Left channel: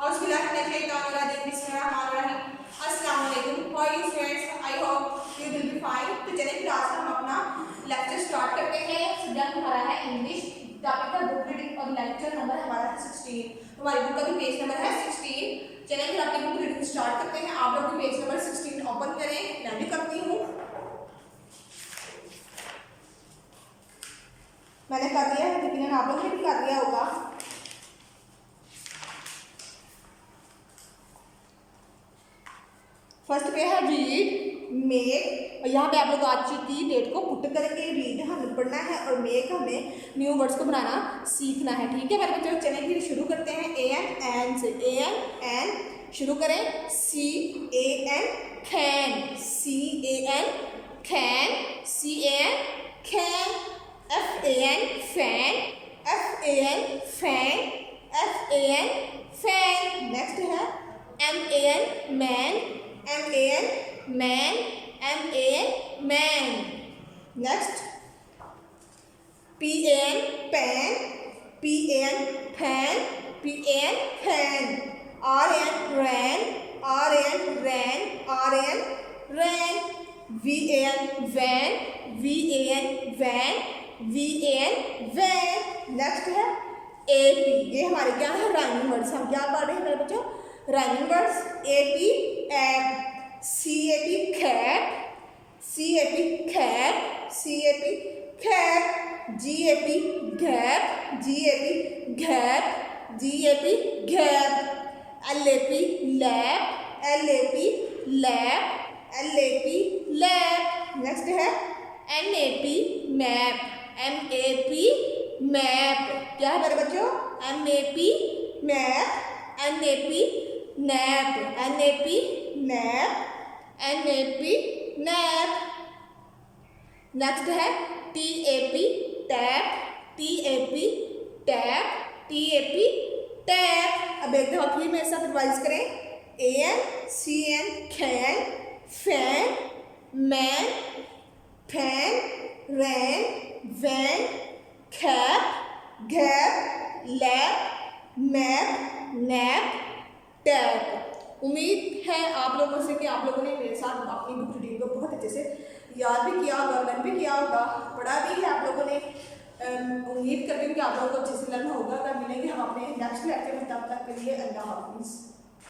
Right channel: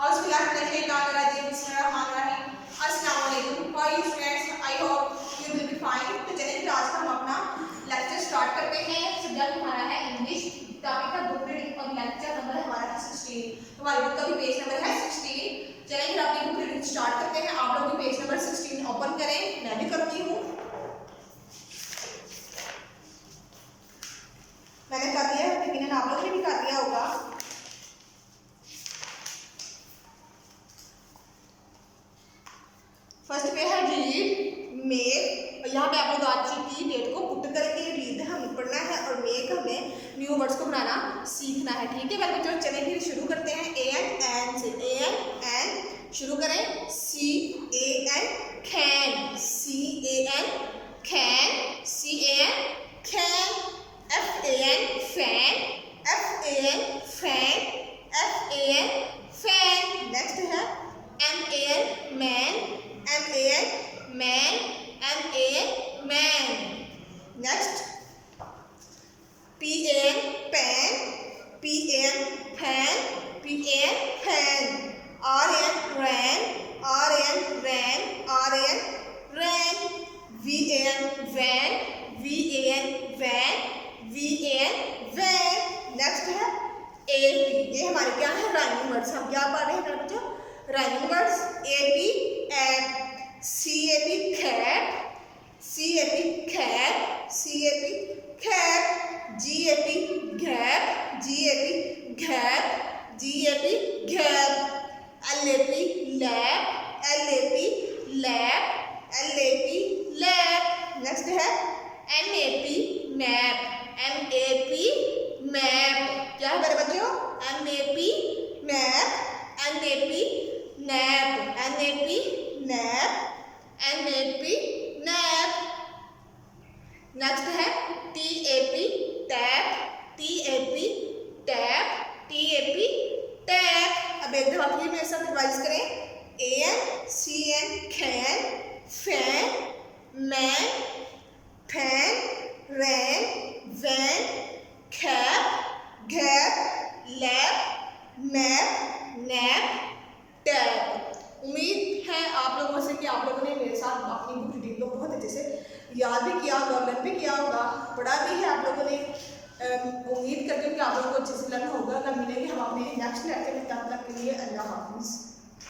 अस्सलामुअलैकुम। How are you friends? I hope you will be fine. तो चलिए फिर आज हम अपना लेक्चर स्टार्ट करते हैं। सब्जेक्ट हमारा है इंग्लिश, टॉपिक है बुक रीडिंग और लेक्चर नंबर हमारा है 16। हमारी बुक का भी पेज नंबर है 16। चलिए फिर अपनी बुक रीडिंग स्टार्ट करते हैं। आप लोग भी पेज नंबर 16 ओपन करें, मैं भी करती हूँ। मैंने कर दिया है, लेकिन आप लोगों ने भी कर दिया होगा। फर्स्ट पे है रीड, मेक, और यहाँ पे आप लोग आज की डेट को पुट करेंगे। रीड हमें पढ़ना है और मेक हमें न्यू वर्ड्स को बनाना सीखना है। ठीक है मेरे बच्चों, चलें फिर शुरू करते हैं। ए एन से, ए एन शुरू करें। C A N can, C A N can, C A N can. F A N fan, F A N fan, F A N fan. Next है M A N man, M A N man, M A N man. Next, P A N pen, P A N pen, P A N pen. R A N ran, R A N ran, R A N ran. V A N van, V A N van, V A N van. Next है A P, ये हमारे क्या है rhyming words. हम क्या पढ़ रहे हैं मेरे बच्चों? Rhyming words. A P app, C A P cap, C A P cap, C A P cap. G A P gap, G A P gap, G A P gap. L A P lap, L A P lap, L A P lap. Next है M A P map, M A P map. क्या है मेरे बच्चों? M A P map, N A P nap, N A P nap, N A P nap. Next है T A P tap, T A P tap, T A P tap. अब एक दफा फिर मेरे साथ रिवाइज करें। A N C N can, fan, man, fan, ran, van, cap, gap, lap, map, nap, tap. उम्मीद है आप लोगों से कि आप लोगों ने मेरे साथ अपनी बुक रीडिंग को बहुत अच्छे से याद भी किया होगा, लर्न भी किया होगा, पढ़ा भी है आप लोगों ने। उम्मीद करती हूँ कि आप लोगों को अच्छे से लर्न होगा। अगर मिलेंगे हम अपने नेक्स्ट लेक्चर में, तब तक के लिए अल्लाह हाफिज़।